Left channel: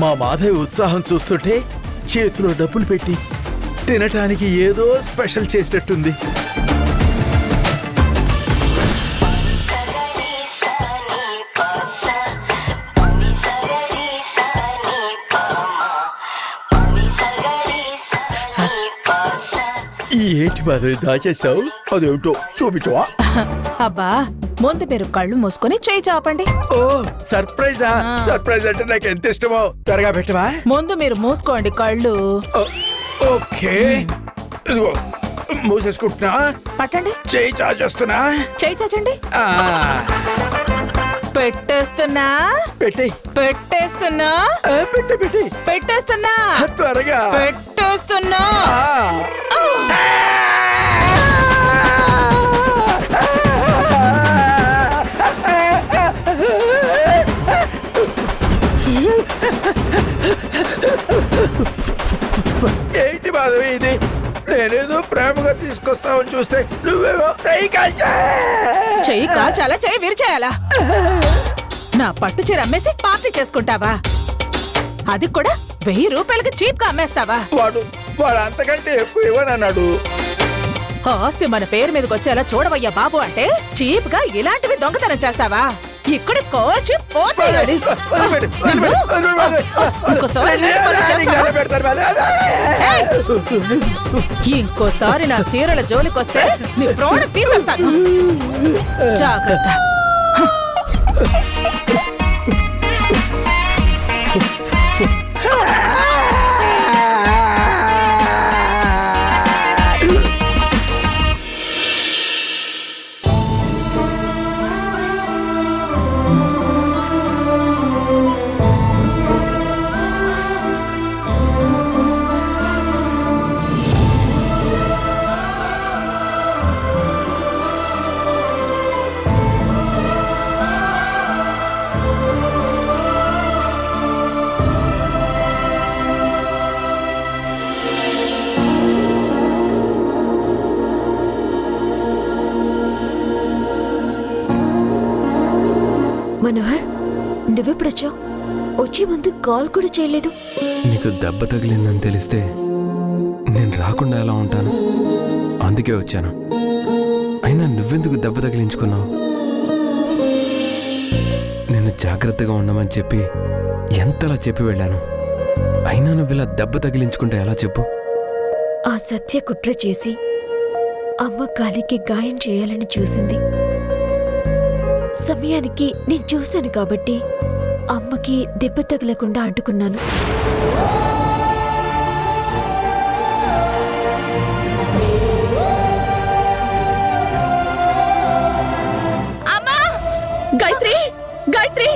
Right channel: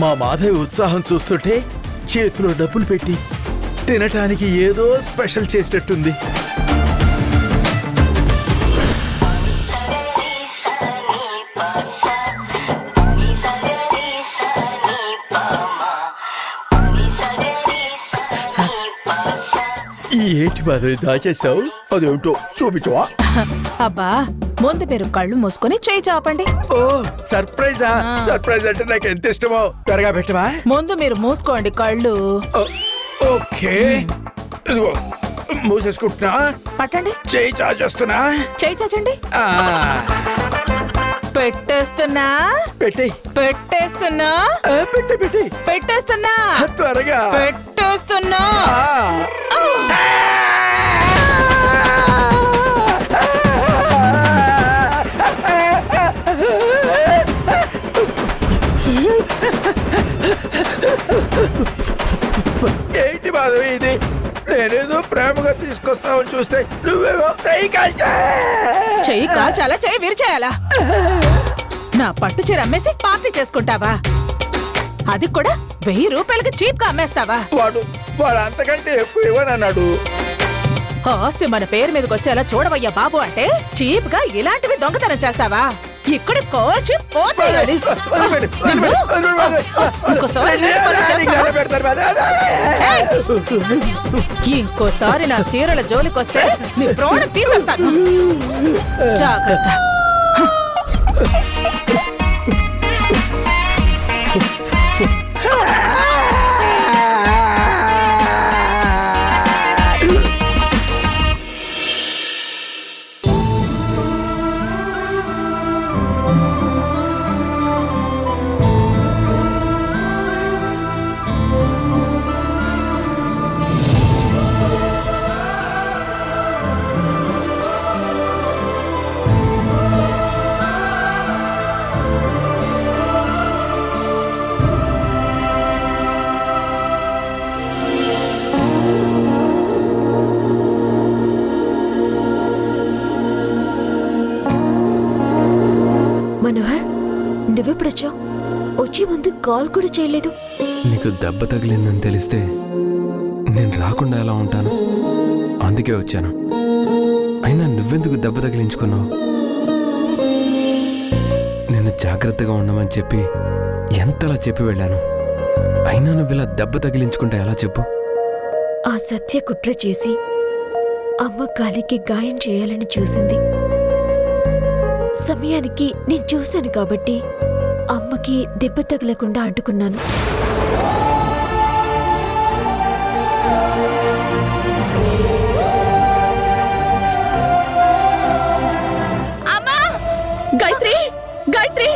మా మాధవి ఉత్సాహం చూస్తుంటే చేతిలో డబ్బులు పెట్టి తినటానికి ఏదో స్పెషల్ చేసినట్టుంది. ఏంటి మాధవి దాచేసావు? అదేంటో చూపించవా? అబ్బా, ముందు మీరు కళ్ళు మూసుకొని చేయి చాపండి. ఓ సర్ప్రైజా? సర్ప్రైజ్ అంటే నాకు ఎంత ఇష్టమో. త్వరగా పెట్టవా? ముందు మీరు మూసుకోండి కళ్ళు. ఓకే, ఇదిగో మూసేసుకుంటున్నా. పట్టండి. చేయి చాచేస్తున్నా. చేయి చాచండి. పెట్టేస్తున్నా. పెట్టి పెట్టేస్తున్నా. పెట్టి పెట్టి పెట్టేస్తున్నా. త్వరగా పెట్టేస్తున్నా. ఏంటి మాధవి ఇది? నేనేదో ప్రేమగా తీసుకొస్తావని చూస్తే నువ్వేమో చెయ్యి కాల్చాలా, చెయ్యి విరిచేయాలా? నా పట్టు చీర అమ్మేసి పార్టీ చేసుకుంటావా? అది కూడా 1000 రూపాయలకి చీప్ గా అమ్మేస్తావా? వాడు అంతకంటే ఎక్కువ ఇవ్వనన్నాడు. ఆస్తి మన పేరు మీదకి వచ్చేలా చూడవయ్యా బాబు అంటే చీప్ గా ఇలాంటివి దొంగతనం చేస్తావా? ఇక్కడ కోచి పోతేయాలి. ఇంకోసారి నా చీరల జోలికొస్తే నీ ప్రాణం తీసేస్తాను. జాగ్రత్త. మనోహర్, నువ్వెప్పుడొచ్చావు? వచ్చే ముందు కాల్ కూడా చేయలేదు. నీకు దెబ్బ తగిలిందని తెలిస్తే నేను రాకుండా ఎలా ఉంటాను? అందుకే వచ్చాను. అయినా నువ్వెందుకు దెబ్బ తగిలించుకున్నావు? నిన్ను జాగ్రత్తగా ఉండమని చెప్పి ఎంతలా చెప్పి వెళ్ళాను. అయినా నువ్వు ఇలా దెబ్బ తగిలించుకుంటే ఎలా చెప్పు? ఆ సత్య కుట్ర చేసి అమ్మ కాలికి గాయం చేయాలని చూసింది. సమయానికి నేను చూశాను కాబట్టి అమ్మకి దెబ్బ తగలకుండా అడ్డుకున్నాను. అమ్మా! గాయత్రి! గాయత్రి!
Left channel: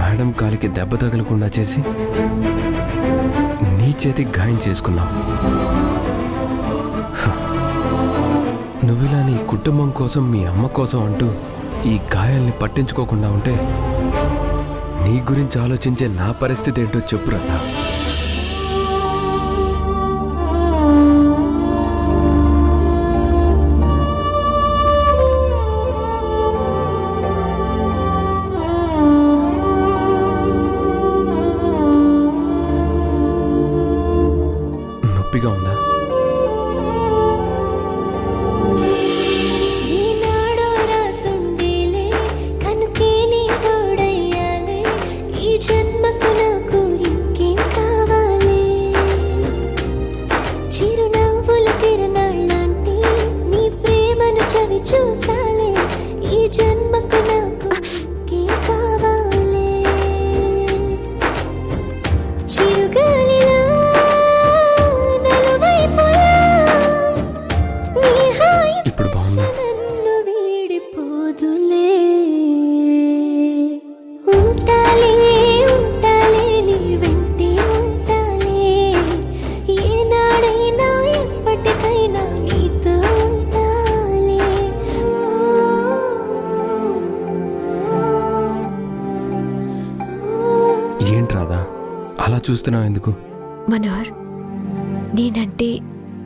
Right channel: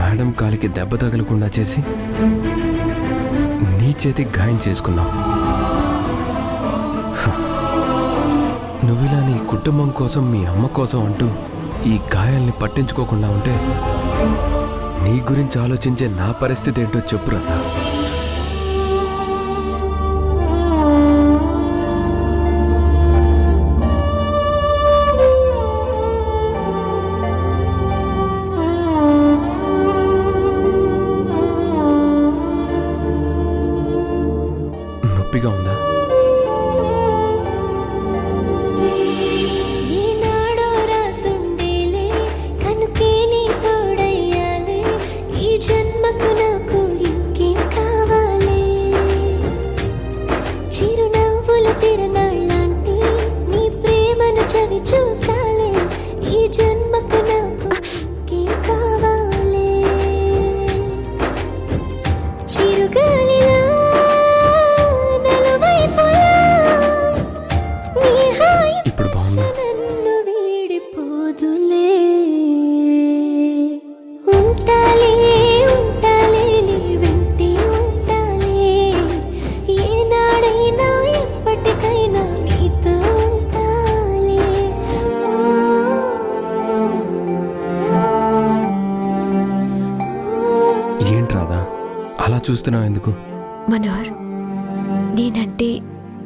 మేడం కాలికి దెబ్బ తగలకుండా చేసి నీ చేతికి గాయం చేసుకున్నావు. నువ్విలా నీ కుటుంబం కోసం, మీ అమ్మ కోసం అంటూ ఈ గాయాల్ని పట్టించుకోకుండా ఉంటే నీ గురించి ఆలోచించే నా పరిస్థితి ఏంటో చెప్పు రాధా. నొప్పిగా ఉందా? చవి చూసాలే ఈ జన్మకు నాకు ఇంకేం కావాలే. చిరుగాలిలా నలువైపులా నీ హాయి ఇప్పుడు బాగుందా? నన్ను వీడిపోదులే. ఉంటాలే ఉంటాలే నీ వెంటే ఉంటాలే. ఏనాడైనా ఎప్పటికైనా నీతో అలా చూస్తున్నావు ఎందుకు? మనోహర్, నేనంటే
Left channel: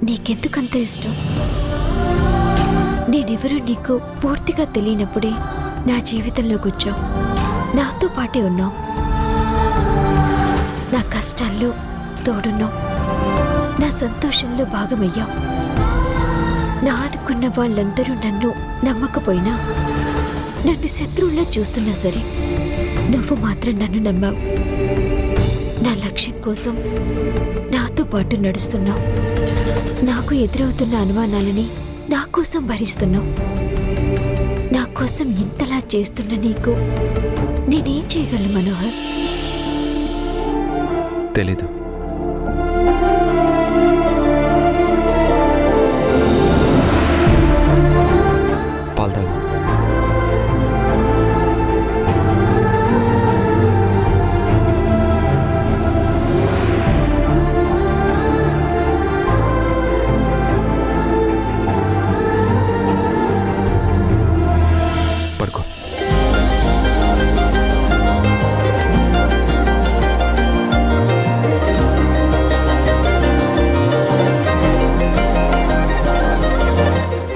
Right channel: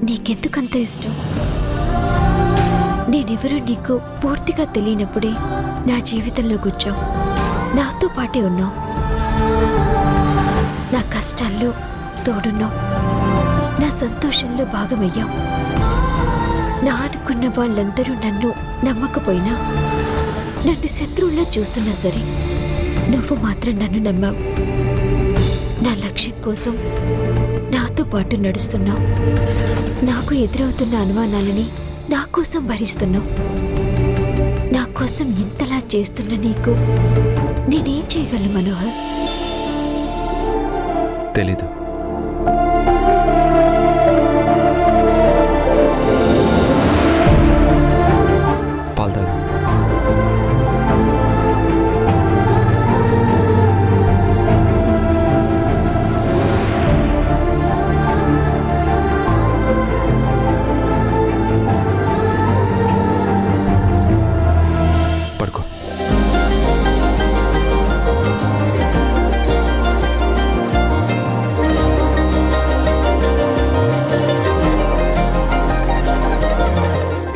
నీకెందుకంత ఇష్టం? నేనెవరో నీకు పూర్తిగా తెలియనప్పుడే నా జీవితంలోకి వచ్చావు. నాతో పాటే ఉన్నావు. నా కష్టాల్లో తోడున్నావు. నా సంతోషంలో భాగమయ్యావు. నా అనుకున్న వాళ్ళందరూ నన్ను నమ్మకపోయినా, నన్ను శత్రువులా చూస్తున్నా సరే, నువ్వు మాత్రం నన్ను నమ్మావు. నా లక్ష్యం కోసం నాతో పాటు నడుస్తున్నావు. నాకు ఎదురవుతున్న అనుమానాలని నా కోసం భరిస్తున్నావు. నా కోసం ఇంతలా చేస్తున్న నీకు నేనేం చేయగలను మనోహర్? తెలీదు. పాలు తాగు. పడుకో.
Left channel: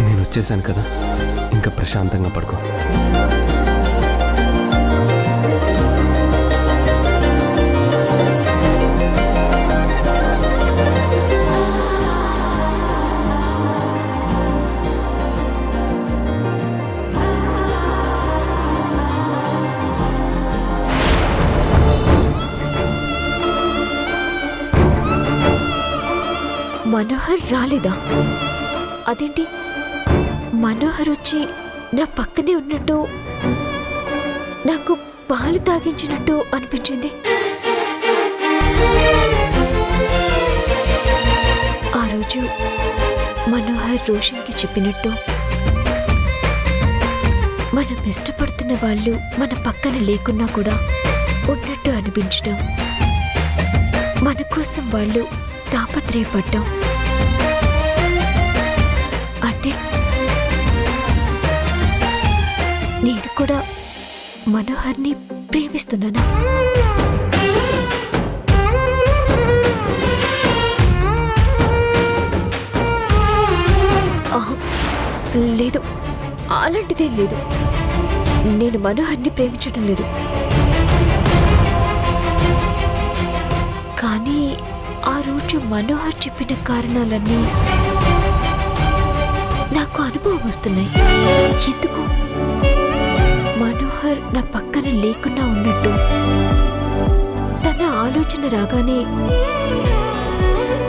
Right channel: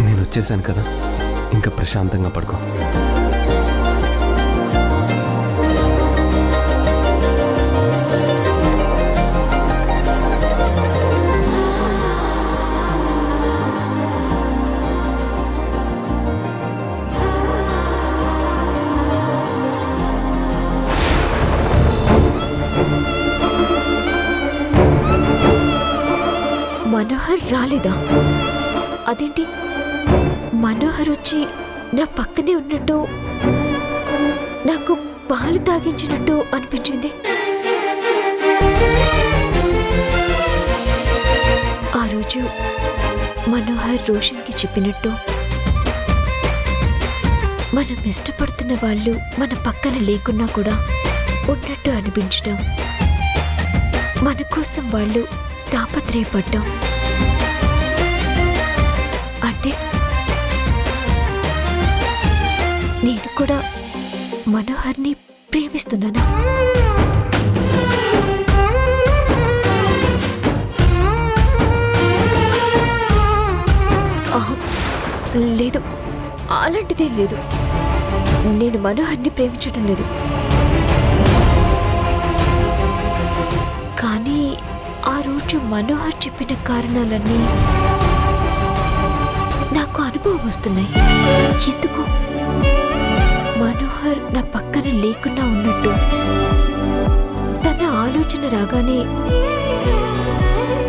నేను వచ్చేసాను కదా, ఇంకా ప్రశాంతంగా పడుకో. మనోహర్ రాలేదా? అదేంటి, మనోహర్ వచ్చి నా పక్కనే ఉన్నట్టు, నాకు పాలు తాగించినట్టు అనిపించింది. ఆ రోజు మనోహర్ రోషన్కి చెప్పినట్టు, మనం ఇష్టపడుతున్న వాళ్ళు మన పక్కన లేకున్నా కూడా ఉన్నట్టు అనిపించడం, మన కోసం వాళ్ళు తాపత్రయపడ్డం. అంటే నేను కూడా మనోహర్ని ప్రేమిస్తున్నానా? లేదు, అలాంటిదేం లేదు. నేను మనోహర్ని ప్రేమించటం లేదు. కానీ ఆ రోజు మనోహర్ చెప్పిన కారణాలన్నీ నాకు అనుభవం వస్తున్నాయి. ఎందుకు? మనోహర్ నా పక్కన లేకున్నా ఉన్నట్టు, తన ఆలోచన రాగానే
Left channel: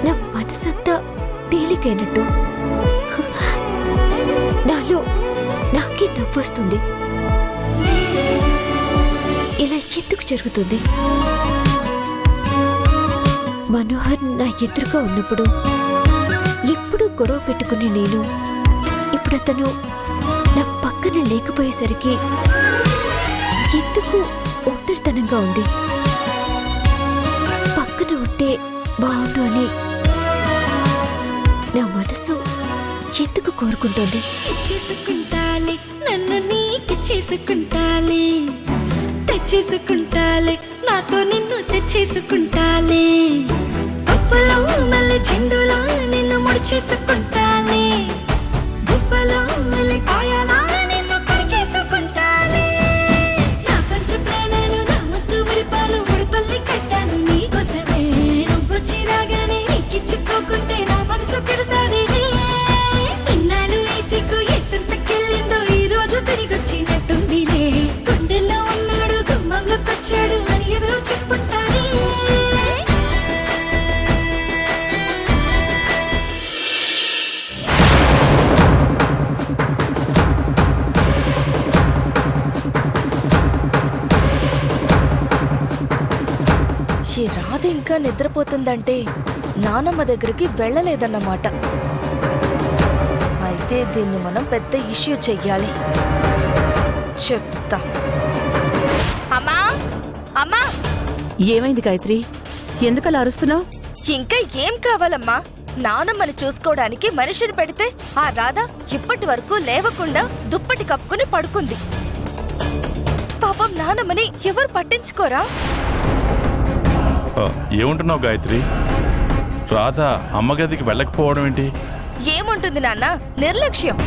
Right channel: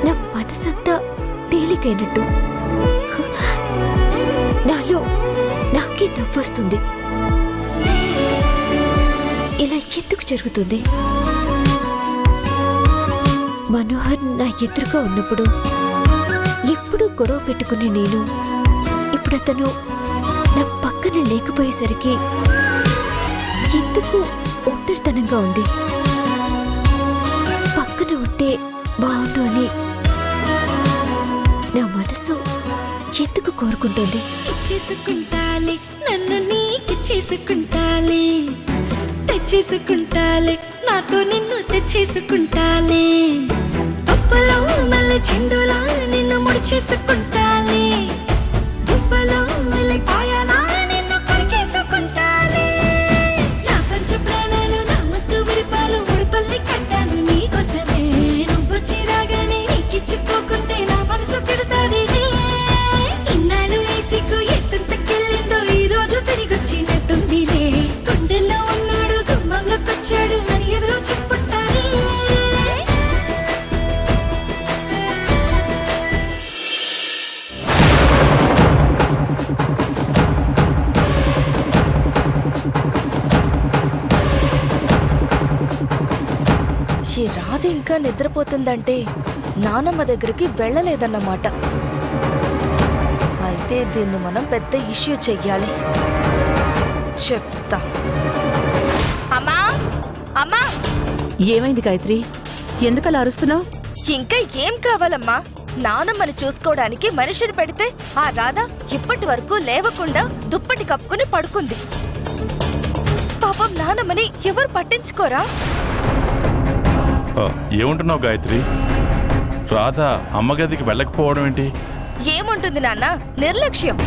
నా మనసంతా తేలికైనట్టు, నాలో నాకే నవ్వొస్తుంది. ఇలా ఎందుకు జరుగుతుంది? మనోహర్ నా ఎదురుగా ఉన్నప్పుడు ఎప్పుడు గొడవ పెట్టుకునే నేను, ఇప్పుడు అతను నా పక్కన లేకపోయేసరికి ఎందుకు ఒంటరితనంగా ఉంది? పక్కన ఉంటే బాగుండు అని నా మనసు ఎందుకు కోరుకుంటోంది? చేసుకుంటాలే, నన్ను నీకు చేసుకుంటాలే, తెచ్చేసుకుంటాలే, నాతో నిన్ను తెచ్చేసుకుంటాలే, పప్పులో మళ్ళీ చెండులా నిన్ను ముడి చేసుకుంటాలే, గువ్వలో మళ్ళీ పాయాలా నిన్ను కొరికేసుకుంటాలే, నా పంచ ప్రాణాలు నా ముద్దు విరిపాలు ముడిపల్లి కట్టాను నీకోసమే, నువ్వు చిరాగానే నీకిచ్చుకోకుంటే నా మనసు తిడతాది. ఇన్నాళ్ళు వేసికు ఎసంతకెళ్ళిందో ఈ రోజు తిరిగొచ్చినట్టుందిలే, గుండెల్లో ఉన్నాడు గుమ్మంలోకొచ్చాడు అని ఎవరో చెప్పుంటారే. ఈ రాధ ఇంకా నిద్రపోతుందంటే నానమ్మ దగ్గరికి వెళ్ళలేదన్నమాట. అయితే దీన్ని మనం పెద్ద ఇష్యూ చెయ్యాలి. చెప్తా. అమ్మా అమ్మా, ఏమైంది గాయత్రి? ఎందుకలా అరుస్తున్నావు? ఇంకా ఏం కావాలమ్మా? నానమ్మని చూసుకోవడానికి మనిషిని పెడితే ఆ రాధ ఇప్పటి వరకు లేవకుండా దుప్పటి కప్పుకుని పడుకుంది. పాపం నానమ్మని ఎవరు పట్టించుకోరా? ఏముంటున్నావు గాయత్రి? రాధ అమ్మగదికి వెళ్ళకపోవడం ఏంటి? ఏముంటుంది నాన్న, నిర్లక్ష్యం.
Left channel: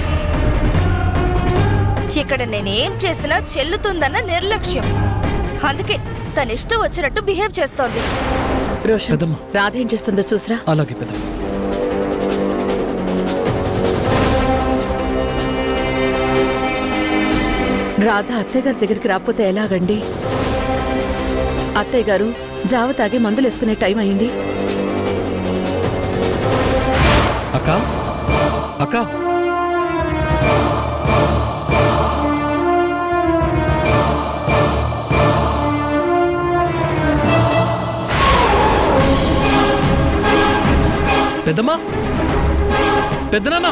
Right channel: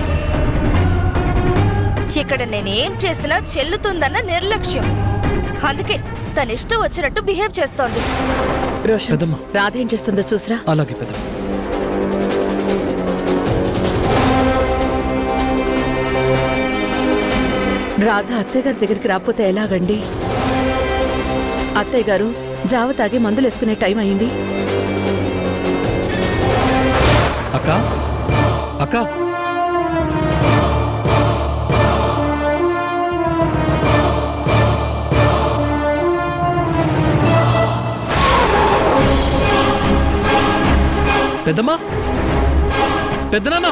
ఇక్కడ నేనేం చేసినా చెల్లుతుందన్న నిర్లక్ష్యం. అందుకే తన ఇష్టం వచ్చినట్టు బిహేవ్ చేస్తోంది. రోషన్, పెద్దమ్మ. రాధ ఏం చేస్తుందో చూసిరా. అలాగే పెద్దమ్మ. రాధ అత్తయ్య గారి దగ్గరికి రాకపోతే ఎలాగండి? అత్తయ్య గారు జావ తాగి మందులేసుకునే టైం అయింది. అక్క అక్క పెద్దమ్మా, పెద్దనాన్న,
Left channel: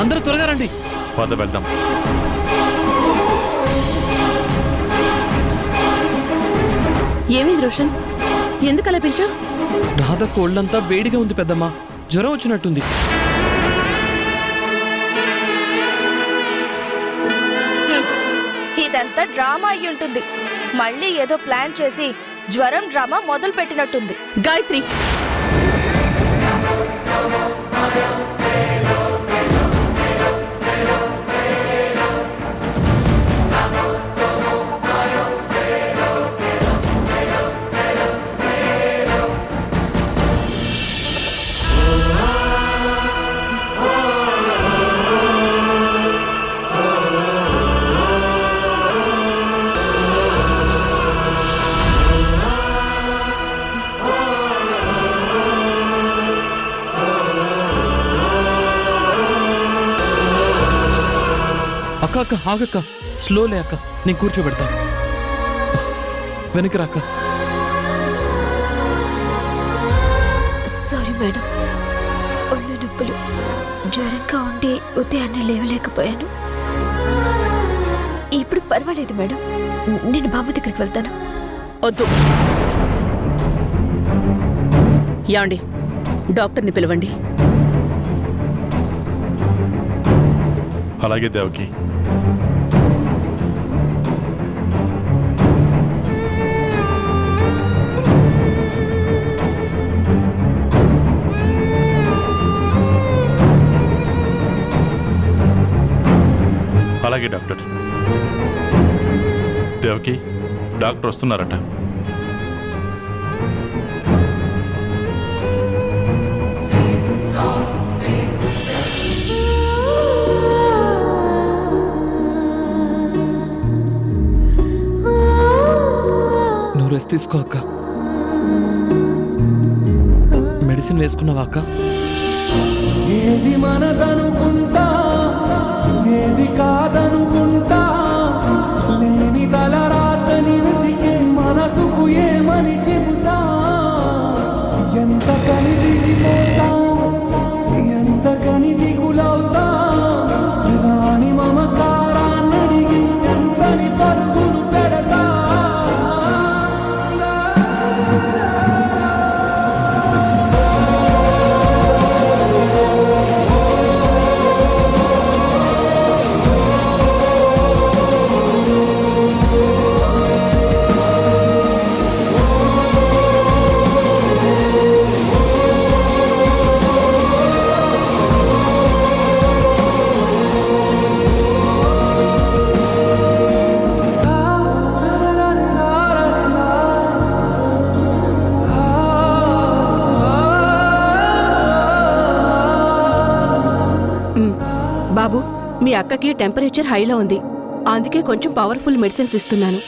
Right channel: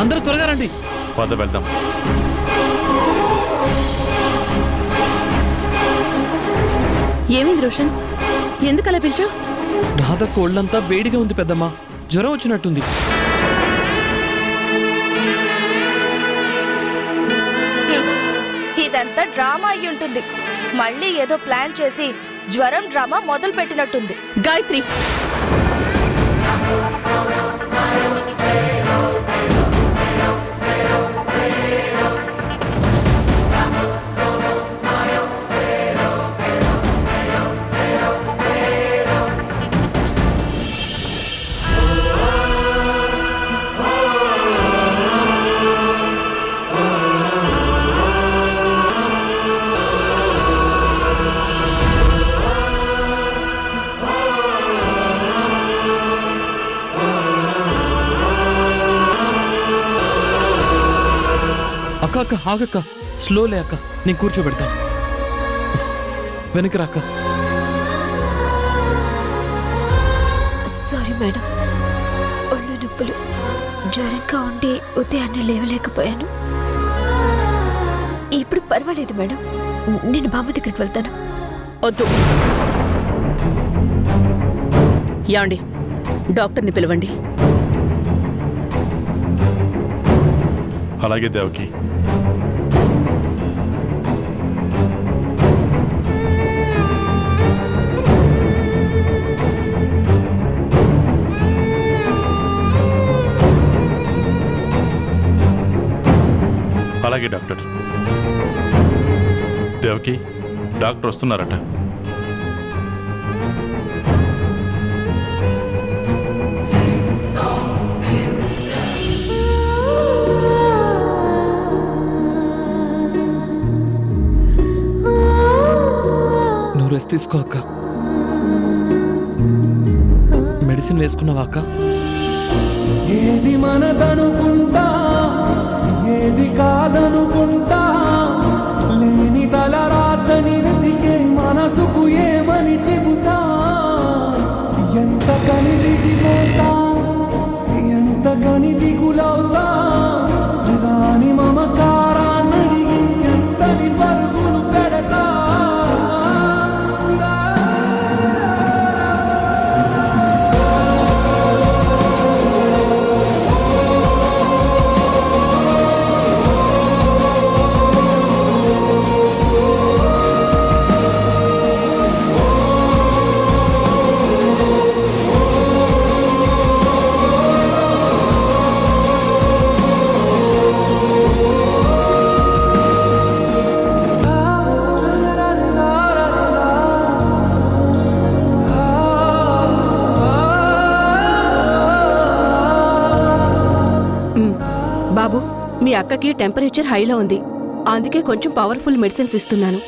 అందరూ త్వరగా రండి. పద వెళ్దాం. ఏమైంది రోషన్? ఎందుకు అలా పిలిచావు? రాధ కోళ్ళంతా వేడిగా ఉంది పెద్దమ్మా, జ్వరం వచ్చినట్టుంది. ఇదంతా డ్రామా అయి ఉంటుంది. మళ్ళీ ఏదో ప్లాన్ చేసి జ్వరం డ్రామా మొదలు పెట్టినట్టుంది. గాయత్రి, అక్క అక్క ఆగక్క, స్లోలే అక్క, నేను కూర్చోబెడతాను. వెనక్కి రాక్క. సారీ మేడం, ఒళ్ళు నొప్పులు, జ్వరంగా ఉండి ఉదయాన్నే లేవలేకపోయాను. ఇప్పుడు పర్వాలేదు మేడం, నేను బామ్మ దగ్గరికి వెళ్తాను. వద్దు. యాండి, డాక్టర్ని పిలవండి. అలాగే దేవకి. అలాగే డాక్టర్. దేవకి, డాక్టర్ వస్తున్నారట. నువ్వు రెస్ట్ తీసుకో అక్క. మెడిసిన్ వేసుకున్నావా అక్క? ఏది మనదనుకుంటా, ఏది కాదనుకుంటా, లేని తలరాతని వెతికే మనసుకు ఏమని చెబుతా. ఎంత కని దిగిపోతా, ఎంత కని దిగులవుతా, రాని మమకారాన్నడిగి ఎంతని పరుగులు పెడతా. బాబు, మీ అక్కకి టెంపరేచర్ హైలో ఉంది, అందుకే కొంచెం పవర్ఫుల్ మెడిసిన్స్ ఇస్తున్నాను.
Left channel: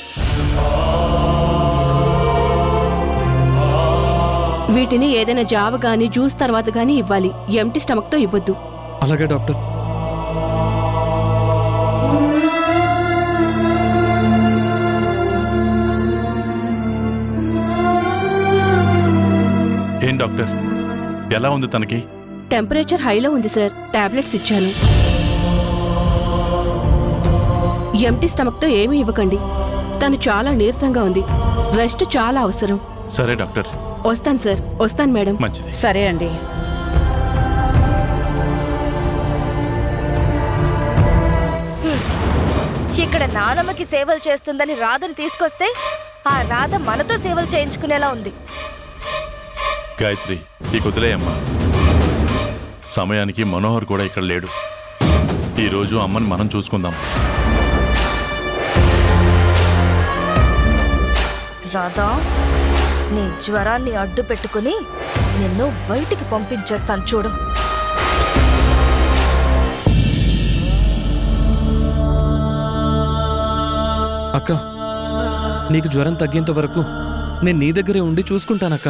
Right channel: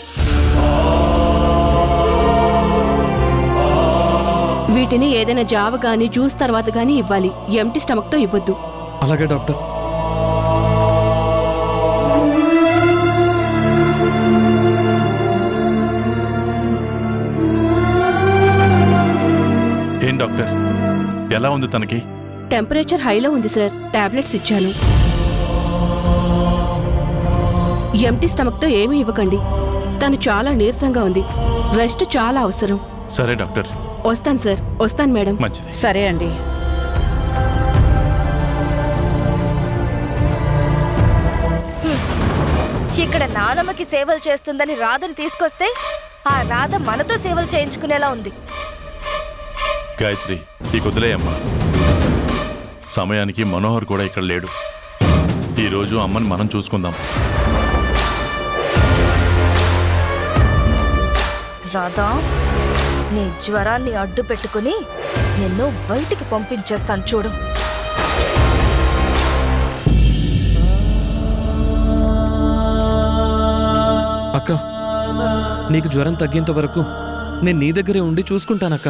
వీటిని ఏదైనా జావ గానీ జ్యూస్ తర్వాత గానీ ఇవ్వాలి, ఎంటీ స్టమక్తో ఇవ్వద్దు. అలాగే డాక్టర్. ఏం డాక్టర్, ఎలా ఉంది తనకి? టెంపరేచర్ హైలో ఉంది సార్, టాబ్లెట్స్ ఇచ్చాను. ఎంటీ స్టమక్తో ఏమీ ఇవ్వకండి, తను చాలా నీరసంగా ఉంది, రెస్ట్ చాలా అవసరం. సరే డాక్టర్. వస్తాను సార్. వస్తాను మేడం. మంచిది. సరే అండి. ఇక్కడ నానమ్మకి సేవలు చేస్తుందని రాధని తీసుకొస్తే ఆ రాధ మనతో సేవలు చేయించుకునేలా ఉంది. గాయత్రి, ఈ కుదిలేయమ్మా. సమయానికి మనోహర్ కూడా ఇక్కడ లేడు. ఈరోజు అమ్మని మనం చూసుకుందాం. రాధా, నీ జ్వరాన్ని అడ్డు పెట్టుకుని నిన్ను బయటికి పంపించేస్తాను చూడు. అక్క, నీకు జ్వరం తగ్గేంత వరకు నేను నీ దగ్గరే ఉండి చూసుకుంటానక్క.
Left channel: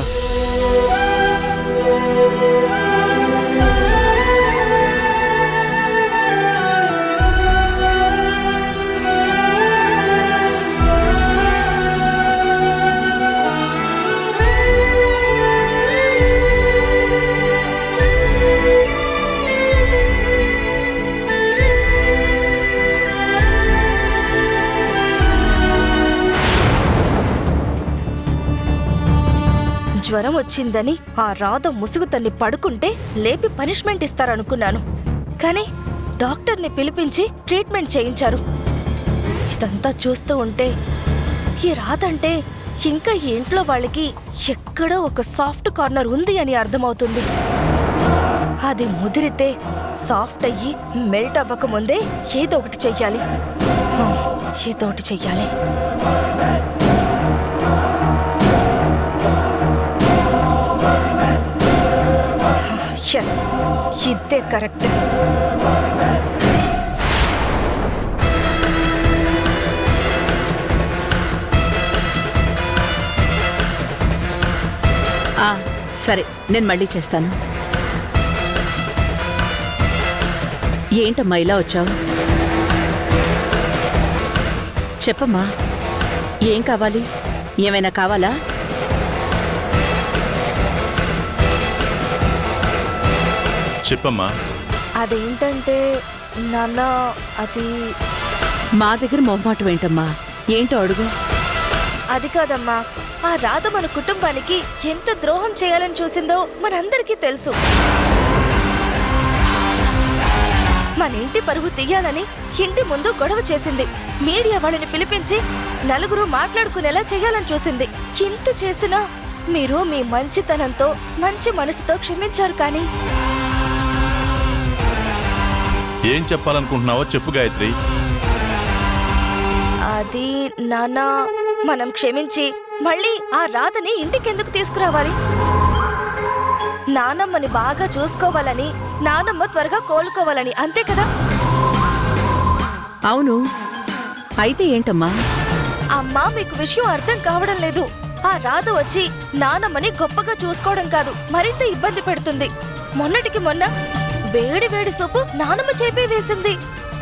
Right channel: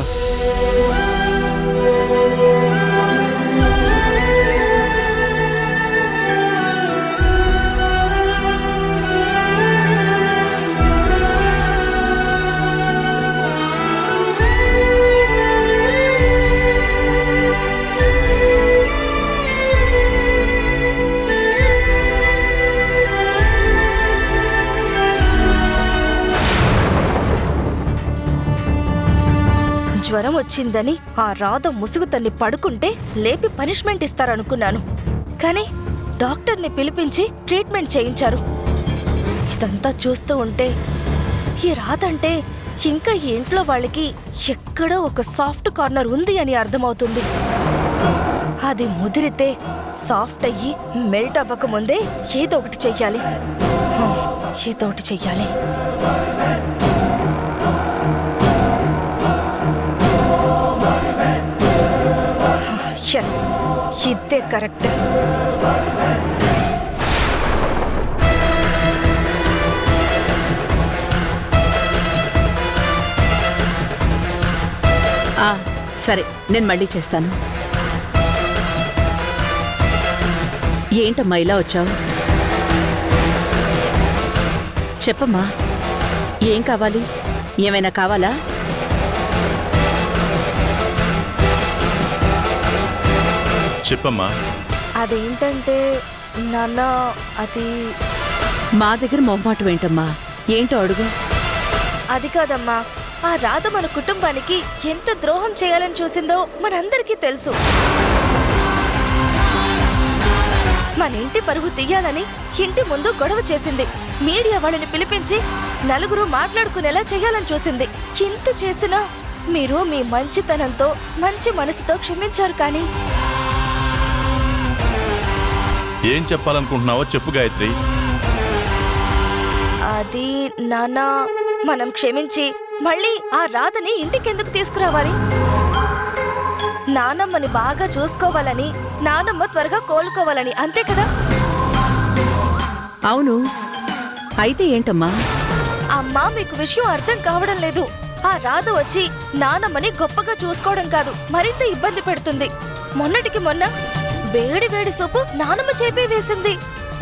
జ్వరం వచ్చిందని ఆ రాధ ముసుగు తన్ని పడుకుంటే లేపి పనిష్మెంట్ ఇస్తారనుకున్నాను. కానీ డాక్టర్ని పిలిపించి ట్రీట్మెంట్ చేయించారు. ఇదంతా చూస్తూ ఉంటే ఈ రాధ అంటే ఇంకా ఈ ఇంట్లో వాళ్ళకి ఎక్కడో ఒక సాఫ్ట్ కార్నర్ ఉంది అని అర్థమవుతుంది. అది ముదిరితే సాఫ్ట్ అయ్యి మెల్ట్ అవ్వకముందే ఏదో ఒకటి చెయ్యాలి. ఏదో ఒకటి చెయ్యాలి. ఎస్, ఇదే కరెక్ట్. సరే, నేను మళ్ళీ చేస్తాను. ఏంటమ్మా ఇలా వచ్చావు? చెప్పమ్మా, ఏం కావాలి? ఏమైనా కావాలా? చెప్పమ్మా. అదేంటంటే నాన్న, అది మా దగ్గర మొహమాటం ఏంటమ్మా? ఏంటో అడుగు. అది కాదమ్మా, ఆ రాధ మన కుటుంబానికి ఎంత ద్రోహం చేయాలని చూసిందో మనందరికీ తెలుసు. మన ఇంటి పరువు తీయాలని ఇంటి ముందు గొడవ చేసింది. మీడియా వాళ్ళని పిలిపించి నలుగురు మాట్లాడుకునేలా చేయాలని చూసింది. ఇంత చేసినా మీరు మీ మంచితనంతో, మంచి మనసుతో క్షమించారు. కానీ ఏం చెప్పాలనుకుంటున్నావో చెప్పు గాయత్రి. అది నాన్న, మనం క్షమించి మళ్ళీ ఆ రాధని ఇంటికెందుకు తీసుకురావాలి? నానమ్మని బాగా చూసుకోవాలని, నానమ్మ త్వరగా కోలుకోవాలని, అంతే కదా? అవును, అయితే ఏంటమ్మా? అమ్మా, మీకు విషయం అర్థం కావడం లేదు. ఆ రాధ వచ్చి నానమ్మని గొప్పగా చూసుకోవడం కాదు, మరింత ఇబ్బంది పెడుతుంది. మొన్నటికి మొన్న వేడి వేడి సూపు నానమ్మ చేపే వేసింది.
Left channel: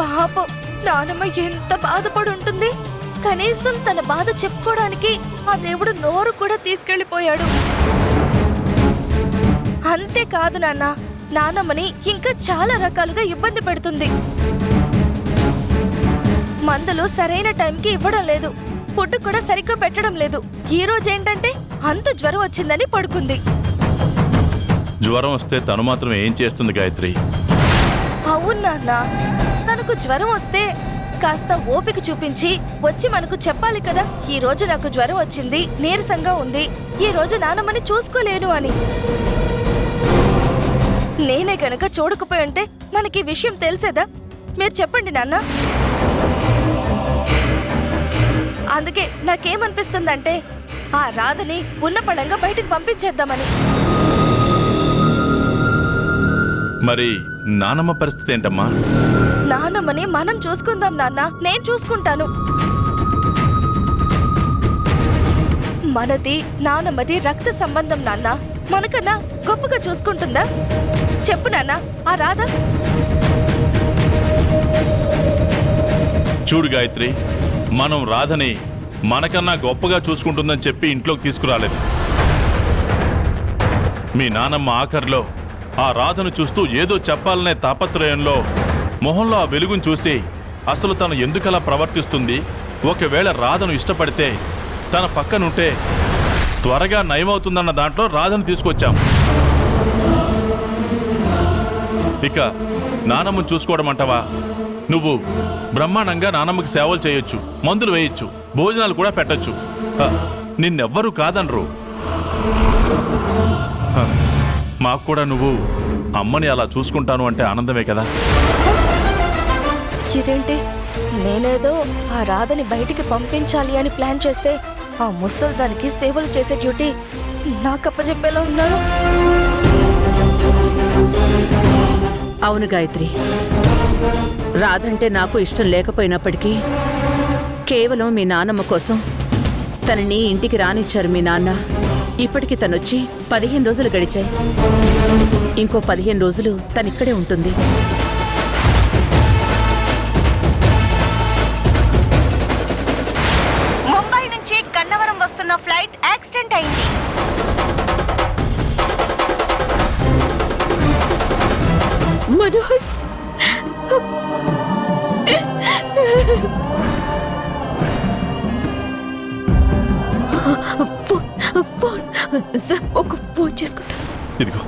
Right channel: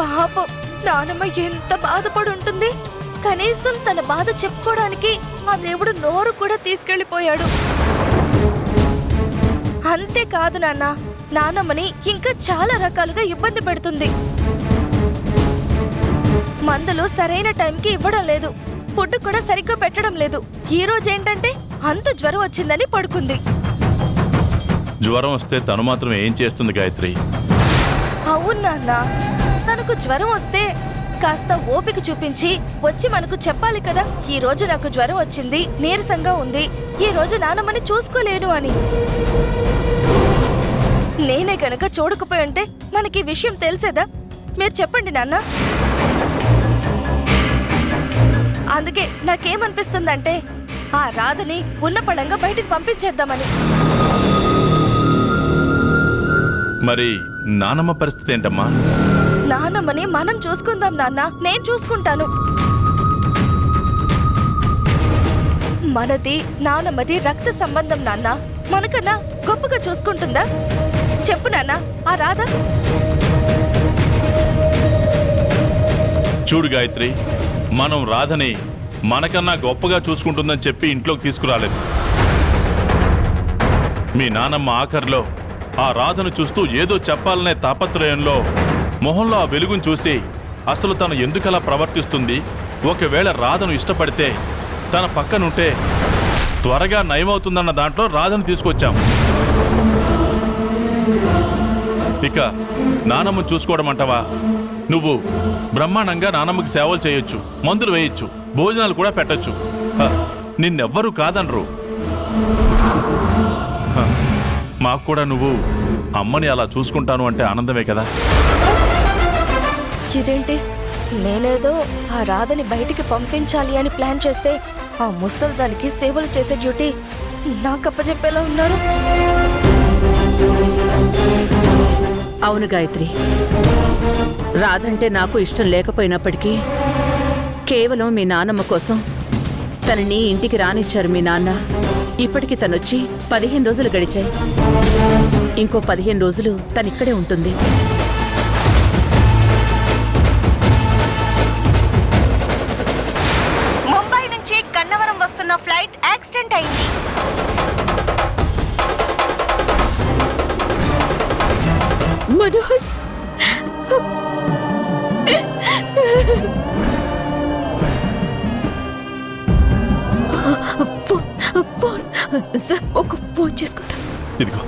పాపం, నానమ్మ ఎంత బాధపడి ఉంటుంది. కనీసం తన బాధ చెప్పుకోవడానికి ఆ దేవుడు నోరు కూడా తీసుకెళ్లిపోయాడు. అంతేకాదు నాన్న, నానమ్మని ఇంకా చాలా రకాలుగా ఇబ్బంది పెడుతుంది. మందులు సరైన టైంకి ఇవ్వడం లేదు, ఫుడ్ కూడా సరిగ్గా పెట్టడం లేదు. ఈ రోజు ఏంటంటే అంత జ్వరం వచ్చిందని పడుకుంది. జ్వరం వస్తే తను మాత్రం ఏం చేస్తుంది గాయత్రి? అవును నాన్న, తనకు జ్వరం వస్తే కాస్త ఓపిక చూపించి వచ్చి మనకు చెప్పాలి కదా. ఈ రోజు నాకు జ్వరం వచ్చింది, నీరసంగా ఉంది, ఈ రోజు నానమ్మని చూసుకోలేను అని. నేనే కనుక చూడకపోయి ఉంటే మనకి విషయం తెలిసేదా? మీరు చెప్పండి నాన్న. అందుకే నాకేమనిపిస్తుందంటే ఆ రాధని ఉన్న పళంగా బయటికి పంపించేద్దామని. మరి నానమ్మ పరిస్థితి ఏంటమ్మా? నానమ్మని మనం చూసుకుందాం నాన్న, నేను చూసుకుంటాను. మనది నానమ్మది రక్త సంబంధం నాన్న. మనకన్నా గొప్పగా చూసుకుంటుందా? చెప్పు నాన్న, ఆ రాధ. చూడు గాయత్రి, మనం రాధని మనకన్నా గొప్పగా చూసుకుంటుందని చెప్పి ఇంట్లోకి తీసుకురాలేదు. మీ నానమ్మ ఆఖరిలో ఆ రాధను చూస్తూ ఏదో చెప్పాలనే తాపత్రయంలో మొహంలో ఆ వెలుగును చూసి అసలు తను ఎందుకలా ప్రవర్తిస్తుంది, ఒకవేళ రాధను ఇష్టపడితే తన పక్కనుంటే త్వరగా నయమవుతుందన్న దాంట్లో రాధను తీసుకొచ్చాం. ఇక నానమ్మను చూసుకోవడం అంటావా? నువ్వు బ్రహ్మాండంగా నానమ్మకి సేవలు చేయొచ్చు, మందులు వేయొచ్చు, భోజనాలు కూడా పెట్టొచ్చు. నిన్నెవ్వరూ కాదనరు. మాకు కూడా నువ్వు అమ్మని అలా చూసుకుంటాను అంటే ఆనందమే కదా. ఇదేంటి నేనేదో ఆ రాధని బయటికి పంపించాలి అని ప్లాన్ చేస్తే ఆ ముసలి దానికి సేవలు చేసే డ్యూటీ నాకు అప్పచెప్పేలా ఉన్నారు. అవును గాయత్రి, రాధంటే నాకు ఇష్టం లేకపోయినప్పటికీ కేవలం మీ నాన్నమ్మ కోసం తనని ఇంటికి రానిచ్చారు మీ నాన్న. ఇప్పటికి తనొచ్చి 15 రోజులు గడిచాయి. ఇంకో 15 రోజులు తనిక్కడే ఉంటుంది. ముంబై నుంచి గన్నవరం వస్తున్న ఫ్లైట్ యాక్సిడెంట్ అయింది. మనోజ్, ఫోన్ సార్, ఒక ఫోన్ చేసుకుంటా. ఇదిగో